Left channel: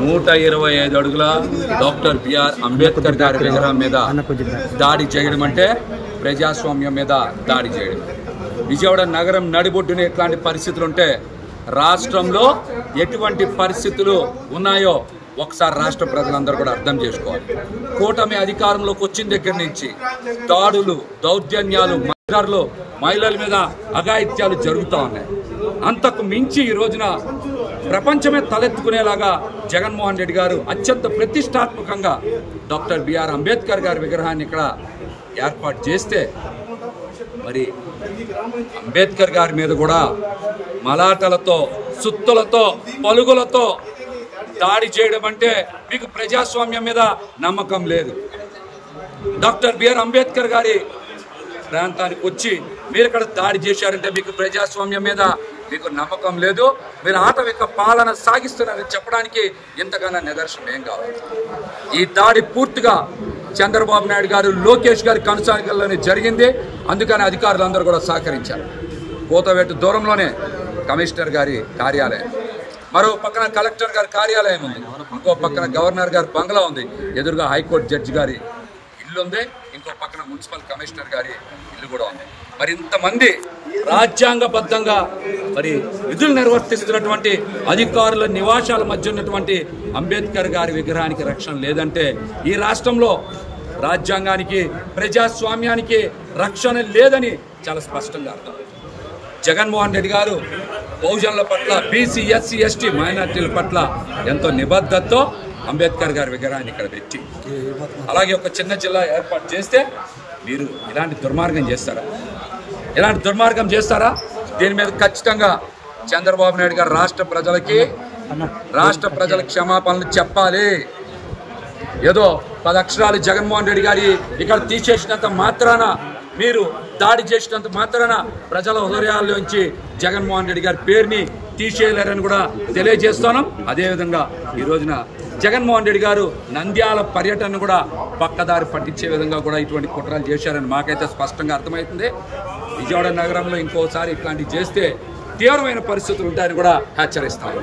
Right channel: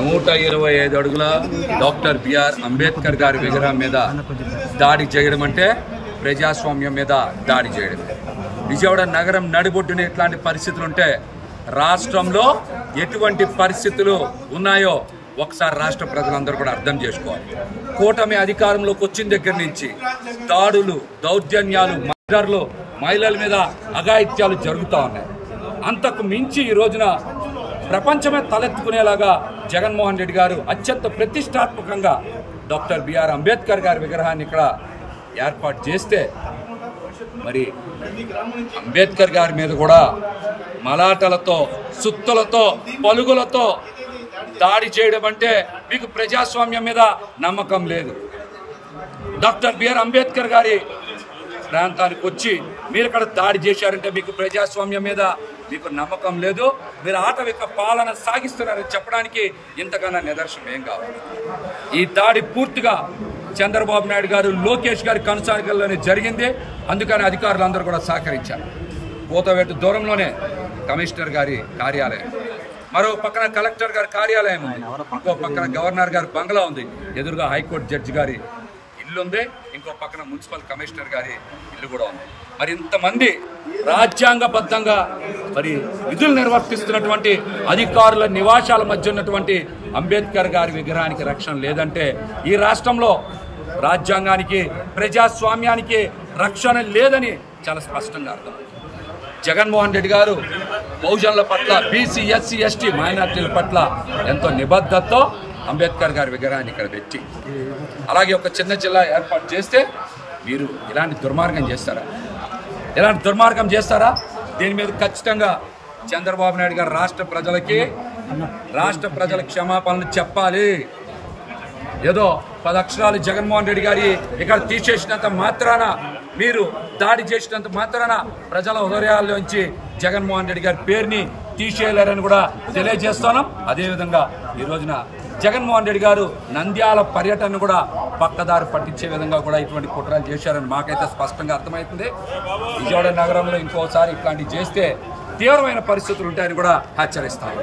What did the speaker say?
125 అడుగుల doctor BR Ambedkar గారి విగ్రహం మీద దాడి చేయడం అంటే ప్రజాస్వామ్యం మీద దాడి చేయడమే. విజయవాడ నగరం నడిబొడ్డున ఎట్లాంటి పరిస్థితులు ఉంటే రాష్ట్రంలో ఎటువంటి పరిస్థితులు ఉన్నాయో ఒకసారి రాష్ట్ర ప్రజలందరూ కూడా అర్థం చేసుకోవాలి. కూటమి అధికారంలోకి వచ్చిన దగ్గర నుంచి దాడులు, దౌర్జన్యాలు, మహిళల మీద అఘాయిత్యాలు జరుగుతూ ఉన్నాయి. అంతకు మించి ఈ రోజున ప్రపంచమే తలెత్తుకునేలాగా జగన్మోహన్ రెడ్డి గారు అత్యంత ప్రతిష్టాత్మకంగా డాక్టర్ బిఆర్ అంబేద్కర్ గారి విగ్రహాన్ని ఇక్కడ ఏర్పాటు చేస్తే మరి అంబేద్కర్ గారి మీద కూడా మలాటలతో, సుత్తులతో, పలుగులతో దాడి చేయడం అంటే మీకు ప్రజాస్వామ్యం మీద నమ్మకం లేదు. డాక్టర్ బిఆర్ అంబేద్కర్ గారి ప్రాంతానికి వచ్చి మీరు ఇక్కడ దాడి చేశారంటే మీకు ప్రజాస్వామ్యం మీద మీకు నమ్మకం లేదు. మీరు ఆటవిక పాలన సాగిస్తున్నారని చెప్పడానికి ఇంతకన్నా నిదర్శనం ఏం కావాలి? ఈ దాడి పూర్తిగా చంద్రబాబు నాయుడు గారు, లోకేష్ గారి కనుసాగల్లోనే జరిగింది. అందుకని అధికారులందరూ కూడా సహకరించారు. కోతవేటు దూరంలోనే కమిషనర్ గారి కార్యాలయం, మరో పక్కన కలెక్టర్ గారి కార్యాలయం ఉంది, ఇంకో పక్కన గవర్నర్ గారి బంగ్లా ఉంది, ఎదురుగా హైకోర్టు జడ్జి గారి ఇల్లు ఉంది, ఇంకో పక్కన మున్సిపల్ కమిషనర్ గారి ఇల్లు కూడా ఉంది. మరి ఇంతమంది రాజ్యాంగబద్ధంగా మరి విధులు నిర్వర్తిస్తున్నటువంటి అధికారుల నివాసాల మధ్య ఉన్నటువంటి అంబేద్కర్ గారి విగ్రహానికి రక్షణ లేదంటే ఈ రాష్ట్రంలో రాజ్యాంగానికి, ప్రజాస్వామ్యానికి రక్షణ లేదని చాలా స్పష్టంగా అర్థం. జగన్మోహన్ రెడ్డి గారు బహుజనుల పట్ల, బీసీ, ఎస్సీ, ఎస్టీ, మైనార్టీల పట్ల ఎంతో నిబద్ధతతో అంబేద్కర్ గారి విగ్రహాన్ని ఇక్కడ పెట్టి అలాగే ఒక చిన్న జిల్లా ఏర్పాటు చేస్తే మీరు ఇలాంటి దుర్మార్గం చేస్తారా? ఇలాంటి దుర్మార్గం చేస్తారా? దీని మీద ఖచ్చితంగా చంద్రబాబు నాయుడు గారు రాష్ట్ర ప్రజల క్షమాపణలు చెప్పాలి. ఏదో 10 అక్షరాలు జగన్మోహన్ రెడ్డి గారి ఇక్కడ తీసేసినంత మాత్రాన, మీరు దాడి చేసినంత మాత్రాన ప్రజల హృదయాల్లోంచి జగన్మోహన్ రెడ్డి గారి పేరుని తీసేయలేరని కూడా తెలియజేస్తున్నాం. అదేవిధంగా ఈ రోజున జగన్మోహన్ రెడ్డి గారు నంద్యాల పర్యటన కూడా పక్కదారి పట్టించే విధంగా కూడా ఇటువంటి కుట్రలు చేశారని మాకైతే స్పష్టంగా అర్థమవుతుంది. విజయవాడ నగరంలో ఇంకోసారి ఇట్లాంటివి చేస్తే తీవ్రమైన పరిస్థితులు ఉంటాయని కూడా హెచ్చరిస్తాం.